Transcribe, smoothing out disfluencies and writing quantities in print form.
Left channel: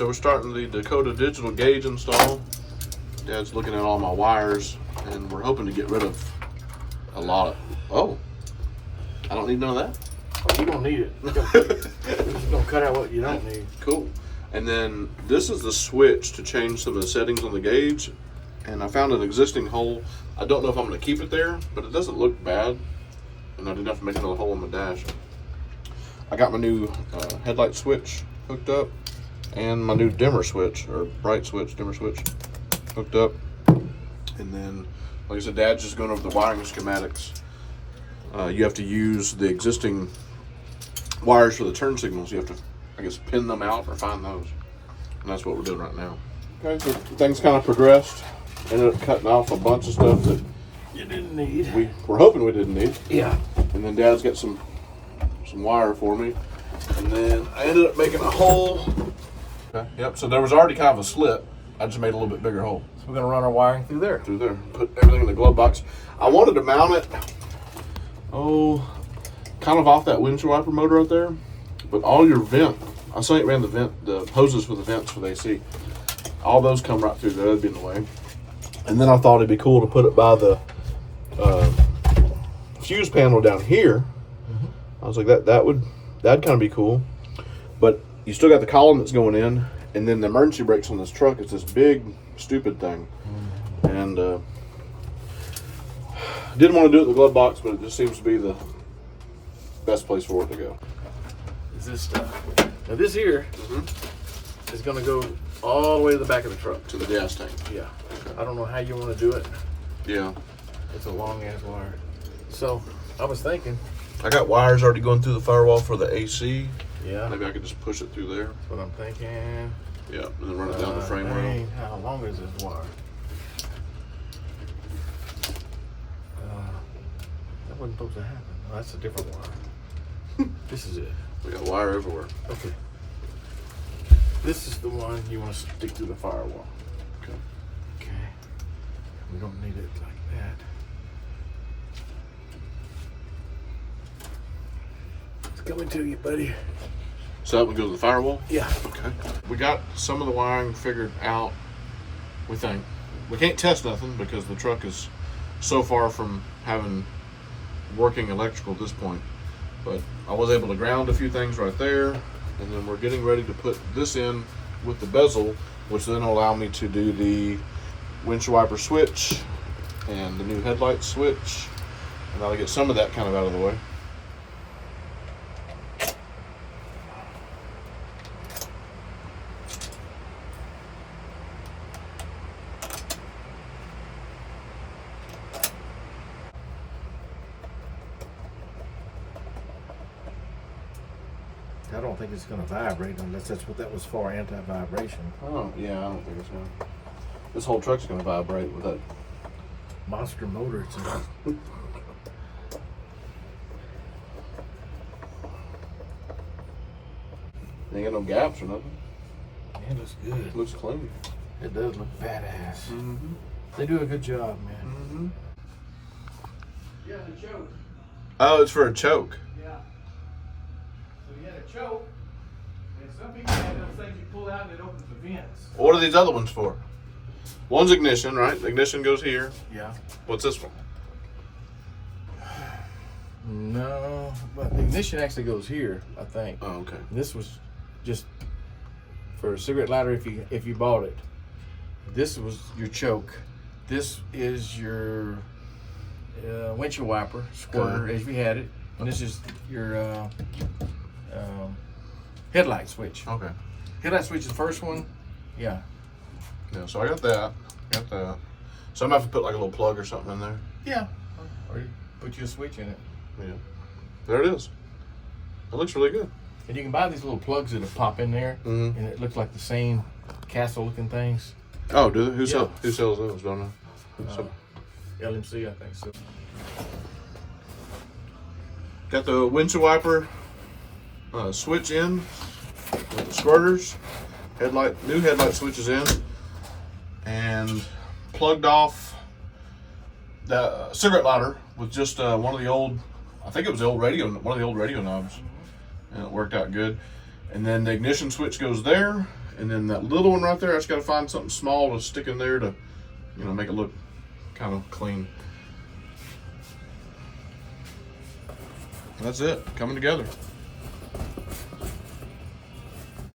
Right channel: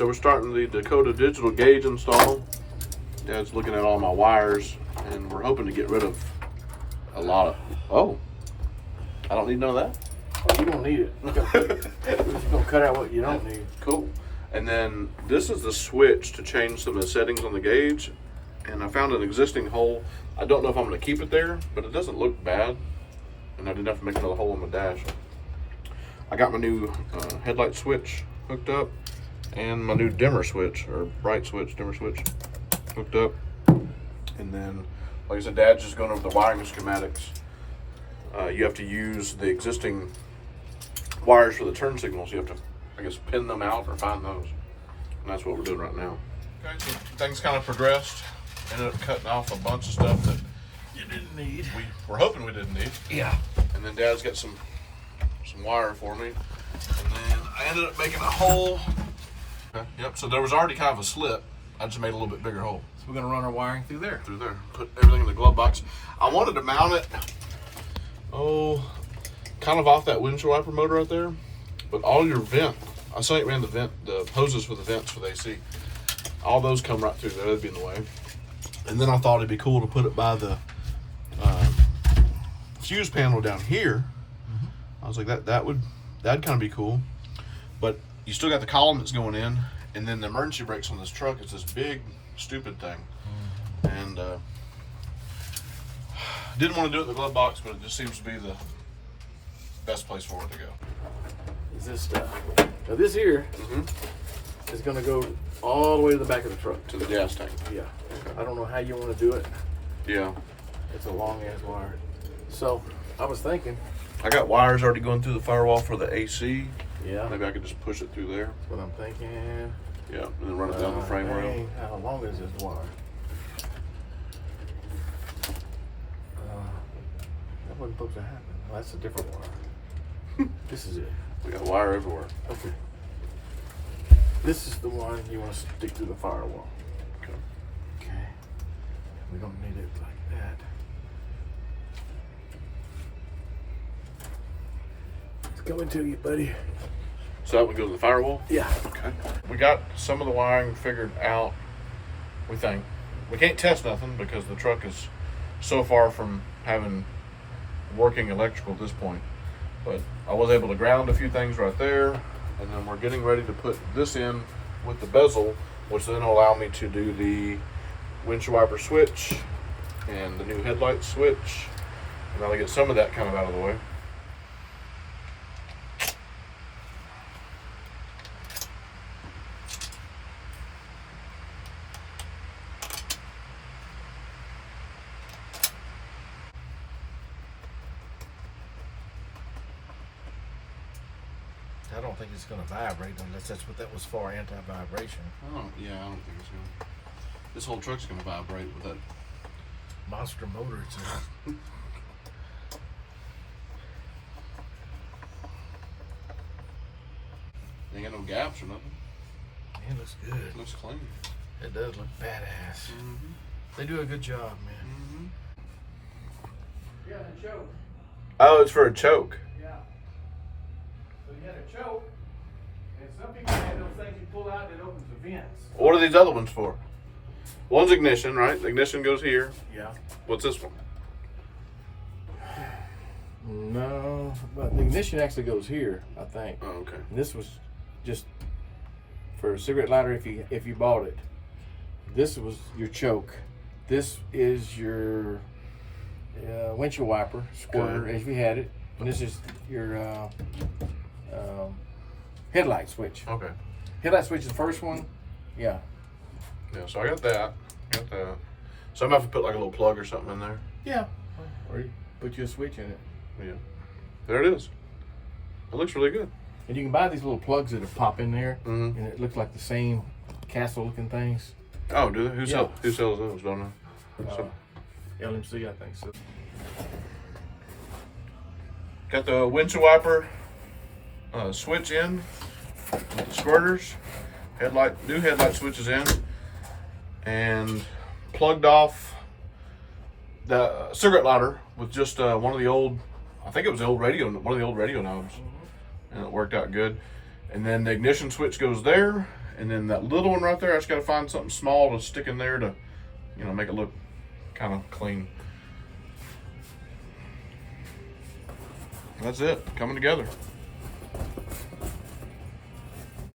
So we're starting the Dakota Digital Gauge install. Dad's looking at all my wires, and we're hoping to get rid of a lot of, oh, I don't need none of that? Oh, you don't need it. We're just gonna cut out what you don't need. Cool. And then this is the switch to change some of the settings on the gauge. And I found an existing hole. I don't know if I'm gonna keep it there, but it doesn't look bad. And I didn't have to make another hole in my dash. I got my new headlight switch hooked up, and my new dimmer switch, or bright switch, dimmer switch, hooked up. And then, like I said, Dad's just going over the wiring schematics. You have to use the existing wires for the turn signals. You have to, I guess, pin them out or find those. And that's what we're doing right now. Okay, so things kind of progressed. Ended up cutting off a bunch of stuff that You didn't need. we were hoping we didn't need. Yeah. And then Dad's got some wire for me. And then I ended up making a hole. Okay. Yep, so there was already kind of a slit. I just made a little bit bigger hole. So we're gonna run our wiring through there. Through there. Put everything in the glove box. I wanted to mount it, kind of off that windshield wiper motor right there. But all your I saw it ran the hoses for the vents for the AC. All those come right through there. That'd be in the way. And then I thought it'd be cool to put it by the fuse panel down here. I was like, that'd kind of be cool. But you still got the column that's going in, and then the emergency brakes on this truck is this big, stupid thing. And didn't want to do it in the glove box, but it just seems to be the best place for it to go. Is this stuff? Now this here is gonna go all the way to the back of the truck. To the gas tank. Yeah. I don't know how you want to do it. Yeah. It's a long ass wire. So I was thinking. I got wires already going through the firewall for the AC. Yeah. Maybe I could just push it through there. That's what I'm thinking. Yeah, and then run it down the frame rail. Dang, how long is this wire? That wasn't supposed to happen. Oh, that's a different wire. This is it. We got wire everywhere. Okay. This is the one you want to stick through the firewall. Okay. Okay. We don't need it like that. It's coming to you, buddy. So that would go to the firewall? Yeah. Okay. We got some of the wiring figured out, we think. We can't test nothing because the truck is so far from having working electrical at this point. But I was able to ground a few things right there, and then we're getting ready to put this in with the bezel, which then will allow me to do the windshield wiper switch and the new headlight switch, and that'll get some of that kind of out of the way. I don't think it's going to vibrate unless that's what that was for, anti-vibration. Oh, yeah, I don't think it's going to. This whole truck's going to vibrate with that. Monster motor it's in. Ain't got no gaps or nothing. Man, it looks good. It looks clean. It does look badass. Mm-hmm. They do a good job, man. Mm-hmm. Yeah, the choke. Oh, it's for a choke. Yeah. So you had a choke, and some people have those things you pull out and it opens the vents. What are these other ones for? One's ignition, right? Ignition goes here. Yeah. What's this one? No, but the ignition actually goes here, I think. Oh, okay. And this was just for a cigarette lighter if you bought it. This was your choke. This is your windshield wiper squirter, if you had it. And this is your headlight switch. Okay. Headlight switch is the first one. Yeah. Yeah, so I got that. Got that. So I'm going to have to put like a little plug or something in there. Yeah. Or you put your switch in it. Yeah. There it is. It looks really good. And you can buy these little plugs that pop in there, Mhm. and it looks like the same castle-looking things. Oh, do they? Who Yeah. sells those? Don't know. LMC, I think so. Got the windshield wiper switch in with the squirters. New headlight switches in, and plugged off the cigarette lighter with just one of the old, I think it was the old one of the old radio knobs, and it worked out good. And then the ignition switch goes there, And then that little one right there, I just got to find something small to stick in there to, you know, make it look kind of clean. That's it, coming together.